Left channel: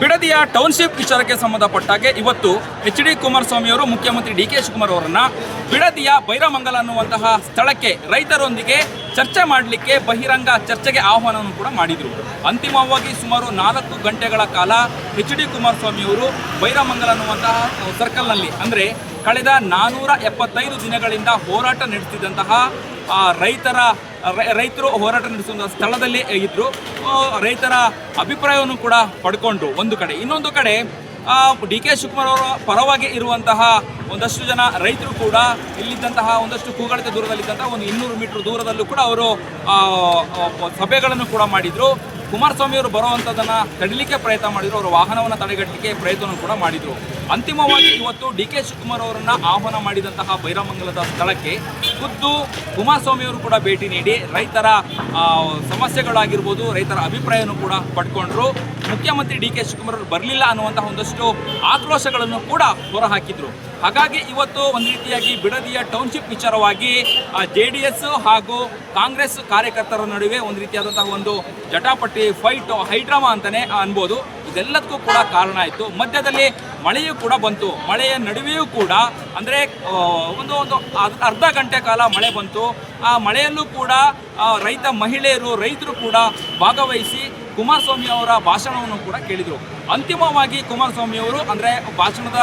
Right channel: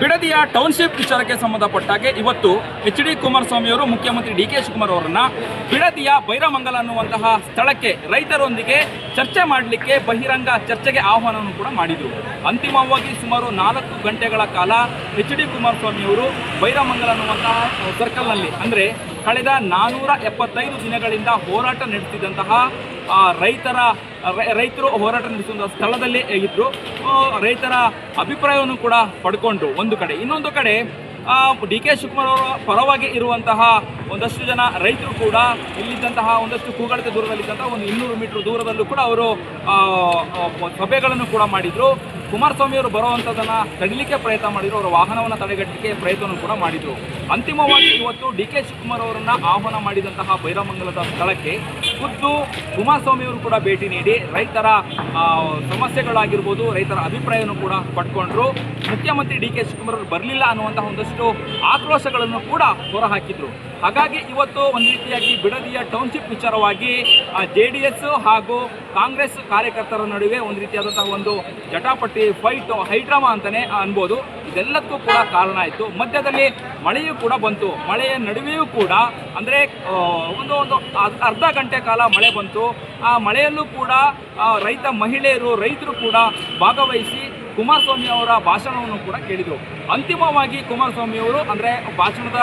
ಬಿಡದಿಯ township ವಿಚಾರಕ್ಕೆ ಸಂಬಂಧಪಟ್ಟಾಗೆ ಇವತ್ತು H D. Kumaraswamy ಅವರು ಮುಖ್ಯಮಂತ್ರಿ ಡಿ.ಕೆ. ಶಿವಕುಮಾರ್ ಅವರನ್ನ ಬಿಡದಿಯ ಬೈರಮಂಗಲ ಅನ್ನುವಂತಹ ಸ್ಥಳಕ್ಕೆ ರೈತರೊಂದಿಗೆ ಚರ್ಚೆ ಮಾಡಲಿಕ್ಕೆ ಬಹಿರಂಗ ಚರ್ಚೆಗೆ ಆಹ್ವಾನವನ್ನು ಕೂಡ ಮಾಡಿದರು. ಅಂತಿಮವಾಗಿ ಸುಮಾರು 4 ಗಂಟೆಗಳ ಕಾಲ ಎಚ್.ಡಿ. ಕುಮಾರಸ್ವಾಮಿ ಅವರು ಬೈರಮಂಗಲ ಅನ್ನುವಂತಹ ಸರ್ಕಲ್ನಲ್ಲಿ ಕಳೆದ 475 ದಿನಗಳಿಂದ ಹೋರಾಟ ನಡೆಸಿದಂತಹ ರೈತರು ಹೋರಾಟ ನಡೆಸುವ ಸ್ಥಳದಲ್ಲಿ ಇದ್ದರು. ರೈತರ ಅಭಿಪ್ರಾಯವನ್ನು ಕೂಡ ಪಡ್ಕೊಂಡ್ರು ಒಂದು ಕಡೆ. ಇನ್ನೊಂದು ಕಡೆ ಡಿ.ಕೆ. ಶಿವಕುಮಾರ್ ಅವರ ಪರವಾಗಿ ಇರುವಂತಹ ಒಂದಷ್ಟು ಜನ ರೈತರು ಕೂಡ ಇಲ್ಲಿದ್ದಂತಹ ಒಂದಷ್ಟು ಕೂಗಳಿತ ದೂರದಲ್ಲಿದ್ದಂತಹ ಒಂದು 200 ಮೀಟರ್ ದೂರದಲ್ಲೂ ಕೂಡ ಅವರು ಸಭೆಗಳನ್ನು ಕೂಡ ಮಾಡಿದರು. ಕುಮಾರಸ್ವಾಮಿ ಅವರು ಬರುವಂಥದ್ದನ್ನು ತಡಿಲಿಕ್ಕೆ ಪ್ರಯತ್ನ ಮಾಡಿದರು. ಅವರ ವಾಹನವನ್ನು ತಡೆಗಟ್ಟಲಿಕ್ಕೆ ಪ್ರಯತ್ನವನ್ನು ಕೂಡ ಮಾಡಿದರು. ಅಂತಿಮವಾಗಿ ಇವತ್ತು ಡಿ.ಕೆ. ಶಿವಕುಮಾರ್ ಅವರನ್ನು ಆಹ್ವಾನ ಮಾಡಿದಂತಹ ಬೈರಮಂಗಲದ ಸ್ಥಳಕ್ಕೆ ಖುದ್ದು ಕುಮಾರಸ್ವಾಮಿ ಅವರು ಕೂಡ ಭೇಟಿ ನೀಡಿ ರೈತರ ಸಮಸ್ಯೆಗಳಾಗಿರ್ಬೋದು, ರೈತರ ಅಭಿಪ್ರಾಯವನ್ನು ಕೂಡ ಪಡ್ಕೊಂಡ್ರು. ಮುಖ್ಯಮಂತ್ರಿ ಡಿ.ಕೆ. ಶಿವಕುಮಾರ್ ಅವರು ಬರಲಿಲ್ಲ ಅನ್ನುವಂತಹ ಒಂದಷ್ಟು ಆಕ್ರೋಶಗಳನ್ನು ಕೂಡ ಹೊರಹಾಕಿದ್ರು. ಹಾಗಾಗಿ ಇವತ್ತು ಒಂದು ರೀತಿಯಾಗಿ ಬಿಡದಿಯ ಟೌನ್ಶಿಪ್ ವಿಚಾರವಾಗಿ JDS ಹಾಗೂ ಕಾಂಗ್ರೆಸ್ ಕಾರ್ಯಕರ್ತರ ನಡುವೆ ಒಂದು ರೀತಿಯಾದಂತಹ ಒಂದು ಜಟಾಪಟಿ ಫೈಟ್ ಹೈಡ್ರಾಮಾ ಅಂತಲೇ ಅನ್ಬೋದು. ಇದೆಲ್ಲದಕ್ಕೂ ಕೂಡ ಕಾರಣ ಆಯಿತು. ಮಧ್ಯದಲ್ಲಿ ಮಳೆಯೂ ಕೂಡ ಬಂತು. ಮಳೆಯ ನಡುವೆಯೂ ಕೂಡ ಒಂದು ಅರ್ಧ ಗಂಟೆ ಕಾಲ ಮಳೆ ಬಂತು. ಆ ಮಳೆಯಲ್ಲೂ ಕೂಡ ರೈತರು ಕೂಡ ಭಾಗವಹಿಸಿ ಕುಮಾರಸ್ವಾಮಿ ಅವರ ಭಾಷಣವನ್ನು ಕೂಡ ಕೇಳಿದರು. ಅಂತಿಮವಾಗಿ ಕುಮಾರಸ್ವಾಮಿ ಅವರು ಭಾಷಣದ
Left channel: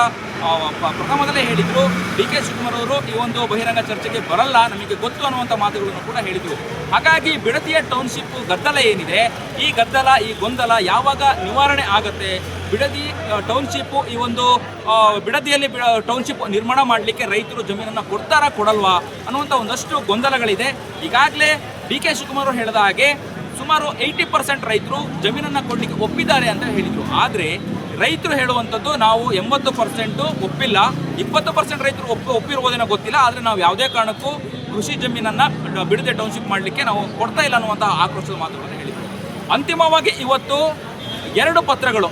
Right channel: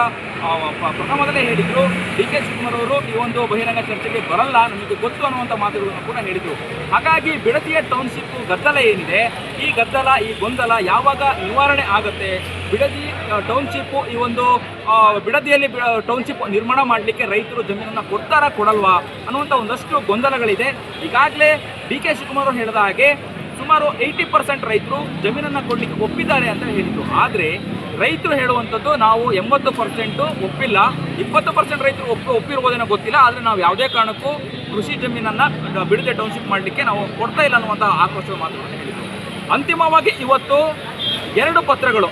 ಪ್ರಥಮದಲ್ಲೇ ಹೇಳಿದರು, ಡಿ.ಕೆ. ಶಿವಕುಮಾರ್ ಅವರು ಈ ಒಂದು ಬಹಿರಂಗ ಚರ್ಚೆಗೆ ಬರಲ್ಲ, ನಮಗೆ ಗೊತ್ತು ಅನ್ನುವಂಥ ಮಾತುಗಳನ್ನು ಕೂಡ ಹೇಳಿದರು. ಹಾಗಾಗಿ ಬಿಡದಿಯ ಟೌನ್ಶಿಪ್ ಗದ್ದಲ ಏನಿದೆ, ಈ ಗದ್ದಲ, ಈ ಗೊಂದಲ ಯಾವಾಗ ನಿವಾರಣೆ ಆಗುತ್ತೆ, ಬಿಡದಿ ಟೌನ್ಶಿಪ್ ಈ ಒಂದು ಬಿಡದಿಯಲ್ಲಿ ಟೌನ್ಶಿಪ್ ನಿರ್ಮಾಣ ಮಾಡಲಿಕ್ಕೆ ರೈತರು ಜಮೀನನ್ನು ಕೊಡ್ತಾರಾ ಕೊಡಲ್ವಾ ಅನ್ನುವಂಥ ಒಂದಷ್ಟು ಗೊಂದಲಗಳಿದೆ. ಈಗಾಗಲೇ ಡಿ.ಕೆ. ಶಿವಕುಮಾರ್ ಅವರು ಹೇಳಿದ ಹಾಗೆ ಸುಮಾರು 80% ರೈತರು ಜಮೀನನ್ನು ಕೊಡಲಿಕ್ಕೆ ಒಪ್ಪಿದ್ದಾರೆ ಅಂತ ಹೇಳಿದರು. ಆದರೆ ರೈತರು ಹೇಳುವಂಥದ್ದು ನಾವು 80% ಒಪ್ಪಿಲ್ಲ, 20% ರೈತರು ಒಪ್ಪಿರ್ಬೋದೇನೋ ಗೊತ್ತಿಲ್ಲ, ಆದರೆ ನಾವು ಯಾವುದೇ ಕಾರಣಕ್ಕೂ ಕೃಷಿ ಜಮೀನನ್ನು ಬಿಡದಿ ಟೌನ್ಶಿಪ್ ಮಾಡಲಿಕ್ಕೆ ನಾವು ಕೊಡ್ತಾ ಇಲ್ಲ ಅನ್ನುವಂತಹ ಆಕ್ರೋಶದ ಮಾತುಗಳನ್ನು ಹೇಳಿದರು. ಅಂತಿಮವಾಗಿ ಇವತ್ತು 2 ಪತ್ರಗಳು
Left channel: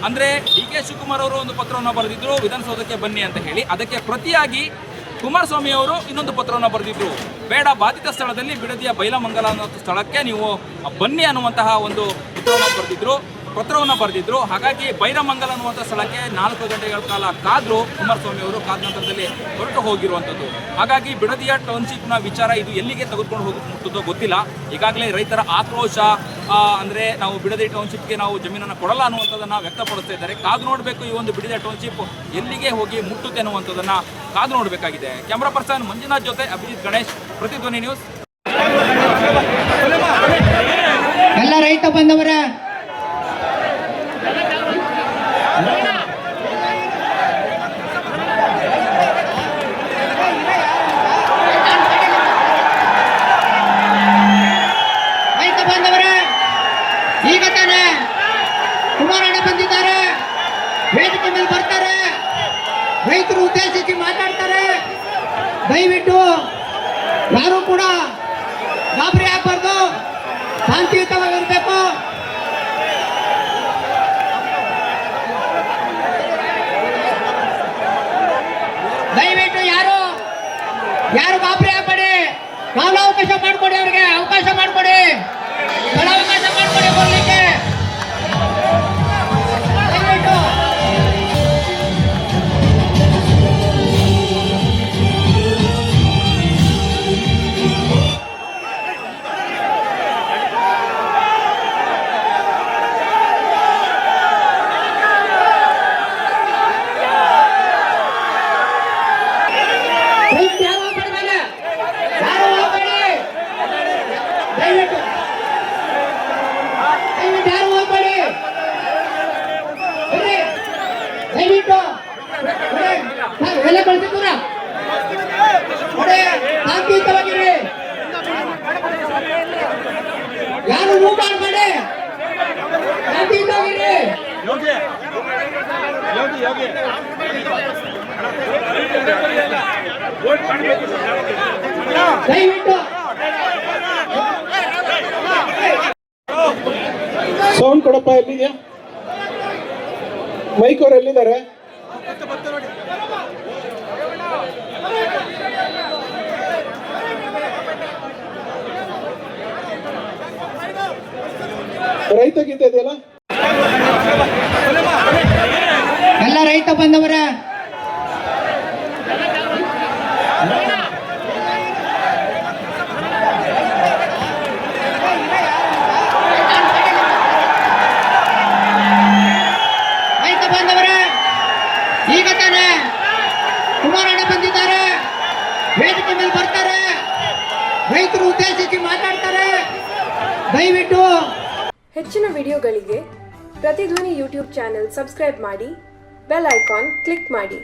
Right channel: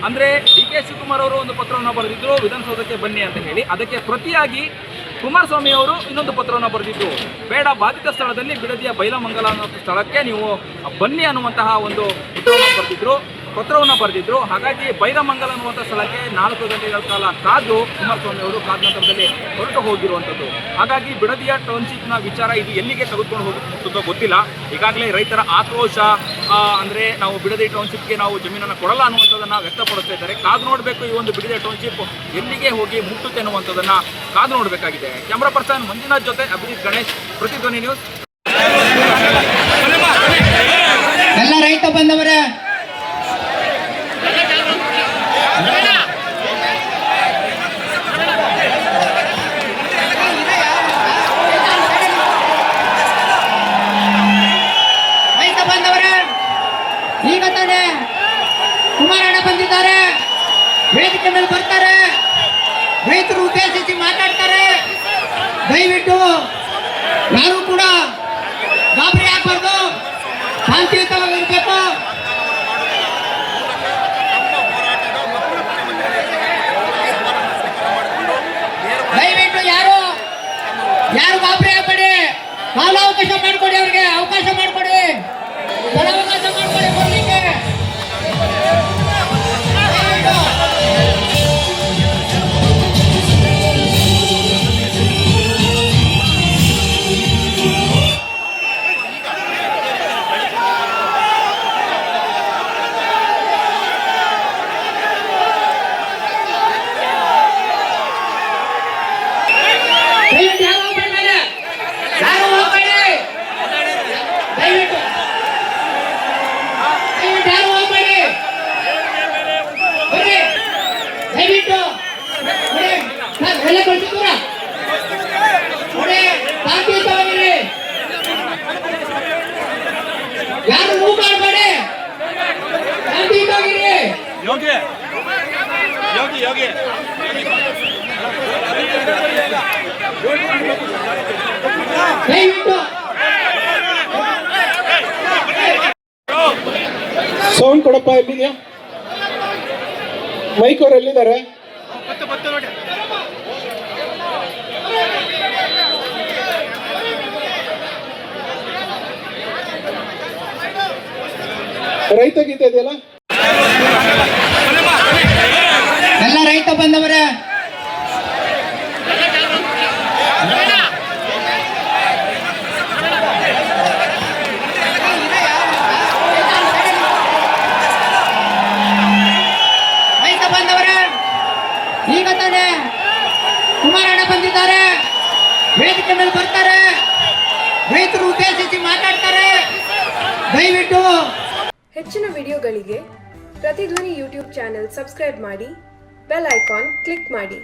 ಡಿ.ಕೆ. ಶಿವಕುಮಾರ್ ಅವರು ಒಂದು ಪತ್ರವನ್ನು ಬರೆದಿದ್ದರು, ವಿಧಾನಸೌಧಕ್ಕೆ ಬನ್ನಿ ಅಂತ ಹೇಳಿ. ಅದಕ್ಕೆ ಪ್ರತಿಯಾಗಿ ಕುಮಾರಸ್ವಾಮಿ ಅವರು ಇನ್ನೊಂದು ಪತ್ರವನ್ನು ಬರೆದಿದ್ದು, ಬೇಡ, ಬಾಧಿತ ಸ್ಥಳದಲ್ಲಿ ಬಿಡದಿಯ ಬೈಲಮಂಗಲ ಅನ್ನೋ ಸ್ಥಳಕ್ಕೆ ನೀವು ಬನ್ನಿ ಅನ್ನುವಂತಹ ಒಂದು ಪತ್ರವನ್ನು ಬರೆದಿದ್ರು. ಹಾಗಾಗಿ ಬೈರಮಂಗಲ ಅನ್ನುವಂಥ ಸ್ಥಳಕ್ಕೆ 4 ಗಂಟೆಗಳ ಕಾಲ ಕಾದು ಕುಮಾರಸ್ವಾಮಿ ಅವರು ಕಾದ ನಂತರದಲ್ಲಿ ಹೊರಟು ಹೋಗಿರುವಂಥದ್ದು. ಹಾಗಾಗಿ ಬಿಡದಿಯ ಟೌನ್ಶಿಪ್ನ ವಿಚಾರ ಇದು ಎಲ್ಲಿಗೆ ತೆಗೆದುಕೊಂಡು ಹೋಗುತ್ತೋ ಗೊತ್ತಿಲ್ಲ. ಈಗಾಗಲೇ ರೈತರ ಆಕ್ರೋಶ ನಾವು ಬಿಡದಿ ಟೌನ್ಶಿಪ್ಗೆ ನಾವು ಜಮೀನನ್ನು ಕೊಡಲ್ಲ ಅನ್ನುವಂಥದ್ದನ್ನು ವ್ಯಕ್ತಪಡಿಸ್ತಾ ಇದ್ದಾರೆ. ಕಾದು ನೋಡಬೇಕು ಈ ಒಂದು ಬಿಡದಿ ಟೌನ್ಶಿಪ್ ಎಲ್ಲಿಗೆ ಹೋಗಿ ಮುಟ್ಟುತ್ತೆ ಅನ್ನುವಂಥದ್ದನ್ನು ಕಾದು ನೋಡಬೇಕಾಗಿದೆ. ಕ್ಯಾಮ್ರಾ ಪರ್ಸನ್ ಮಂಜುನಾಥ್ ಜೊತೆ ಅಭಿಜಿತ್ ಗಣೇಶ್, ಪ್ರತಿಧ್ವನಿ ನ್ಯೂಸ್. ಎಲ್ಲ ರೈತ ಬಂದವರೇ, ಈಗ ತಾನೇ ಕುಮಾರಣ್ಣ ಬಂದಿದ್ದಾರೆ, ವೇದಿಕೆ ಮೇಲೆ ಬರ್ತಾರೆ, ರೈತರು ಉದ್ದೇಶಿಸಿ ಮಾತಾಡ್ತಾರೆ. ದಯವಿಟ್ಟು ಯಾರು ಕೂಡ ಗಾಬರಿ ಆಗಬಾರ್ದು, ಶಾಂತಿಯುತವಾಗಿರ್ಬೇಕು. ದಯವಿಟ್ಟು ಯಾರು ಗಾಬರಿ ಆಗಬೇಡಿ, ಕಾಲಾವಕಾಶ ಮಾಡಿಕೊಡಿ, ಅವರಿಗೆ ಅವಕಾಶ ಮಾಡಿಕೊಡಿ, ಕಾಲಾವಕಾಶ ಮಾಡಿಕೊಡಿ ಬರಲಿಕ್ಕೆ. ಎಲ್ಲ ಕಳಿಸಿದ್ರ ಶಾಂತಿಯುತವಾಗಿರಿ, ಯಾರು ಮೂವ್ ಮಾಡಬೇಡಿ, ಶಾಂತಿಯುತವಾಗಿರಿ. ದಯವಿಟ್ಟು ಸೌಂಡ್ ಕೊಡಪ್ಪ. ಎಲ್ಲಿದೆಯಾ ಮೈಕ್? ಅವ್ರು ಎಲ್ಲಿದ್ದಾರೆ? ರೈತ ಗೀತೆ ಇದೆಯಲ್ಲ. ಬಂದವರೇ, ರೈತ ಬಂದವರೇ, ಈಗ ತಾನೇ ಕುಮಾರಣ್ಣ ಬಂದಿದ್ದಾರೆ, ವೇದಿಕೆ ಮೇಲೆ ಬರ್ತಾರೆ, ರೈತರು ಉದ್ದೇಶಿಸಿ ಮಾತಾಡ್ತಾರೆ. ದಯವಿಟ್ಟು ಹೆಚ್ಚಿನ ವಿಡಿಯೋಗಳಿಗೆ ಪ್ರತಿಧ್ವನಿ ಯೂಟ್ಯೂಬ್ ಚಾನೆಲ್ ಸಬ್ಸ್ಕ್ರೈಬ್ ಮಾಡಿ, ಬೆಲ್ ಐಕಾನ್ ಕ್ಲಿಕ್ ಮಾಡಿ.